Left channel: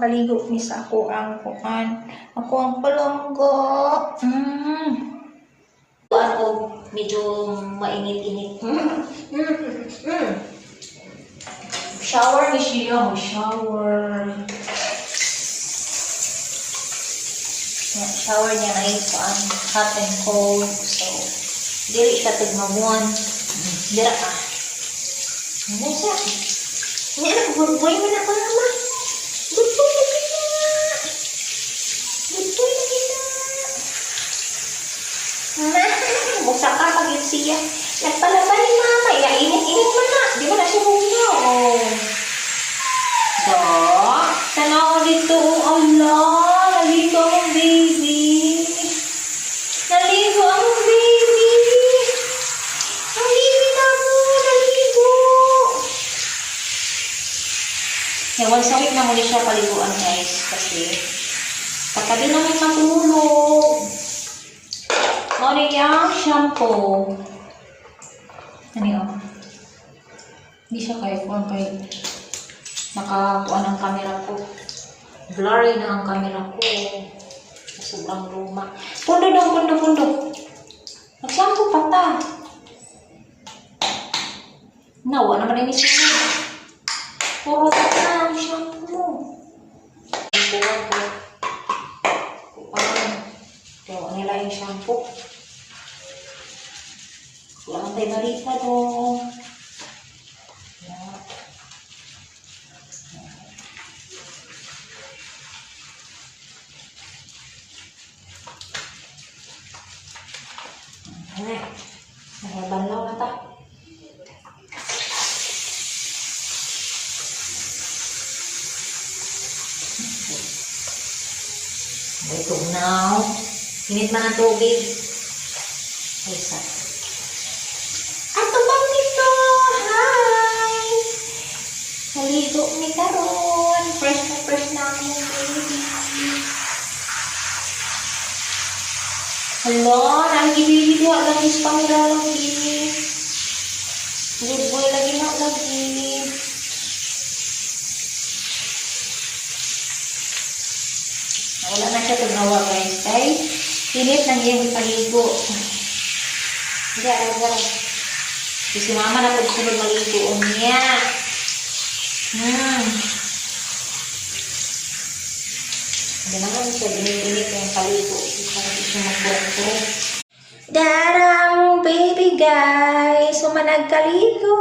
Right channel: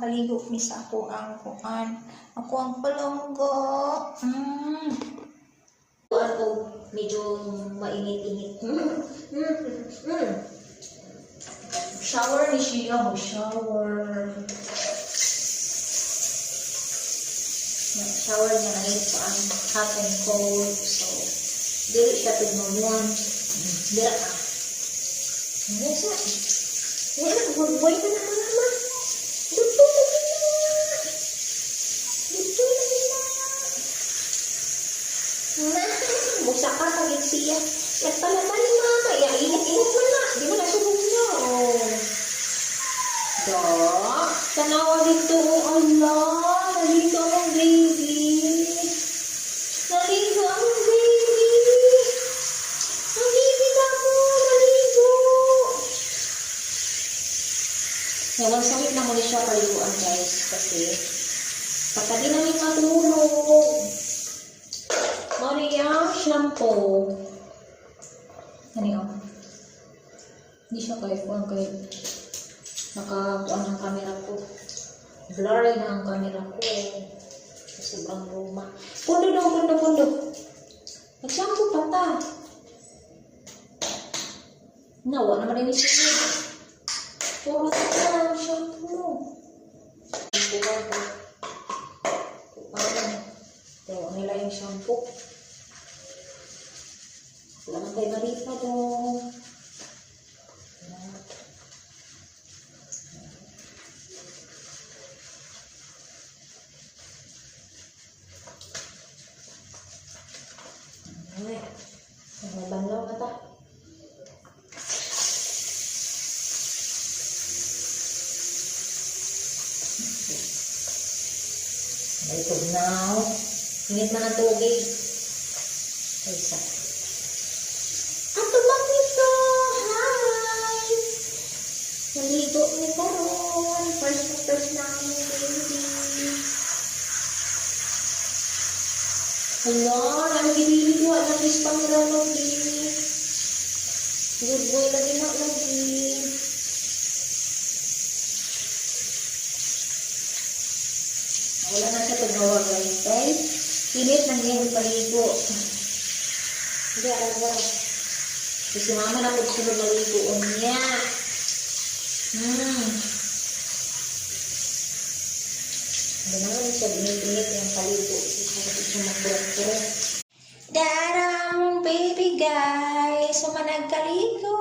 makaligo ni sa ako ang kuan. Ako ang palangga. Ako medyo mainit-init. Shower ni siya, shower. Shower niya na yung hot and cold. So, dili siya tigmamuan. Dira ka. Ano siya? Hindi na, buhay mo na ka naman. Buhay na kita. Buhay na kita. Musa ka pag siya. Nagpalabay ni mama. Ya, init-init pa na. Di mo na siya bunyo. So, Tanaw dito. Allah, naligo ang baby. Naligo ang baby. Ang baby na mo, naligo. once a week na muna siya paliguan guys. Kasi, katabi namin matulog. Ano yung shampoo? Ano yun? Hindi siya kay nakakuha ng camera ko. Blurry na ang camera ko. Sobrang luma. Pundo dong, pundo. Nag-shampoo pa ta. Nawa naman yung isunod. Puro ta ang shampoo. Kaya nila yung shampoo. Kailangan tayo marita dong. Banlaw na ta. Ito now. Init man ang tubig. Ay, sa. Ato bang dito? Hi! Naligo ni karon. Fresh na akong baby. Hello, nalagi-baby ko. Lagi sa camera lagi. Good boy lagi na lagi. Wala na siya tagnawa guys. Kay, init nang iyang ipaligo. Aga. Si mama na pagsunod maligoon niya. Hindi naman siya ginit yung paligo. Para siya magpurong-purong. Darang baby guys, so managkaligo.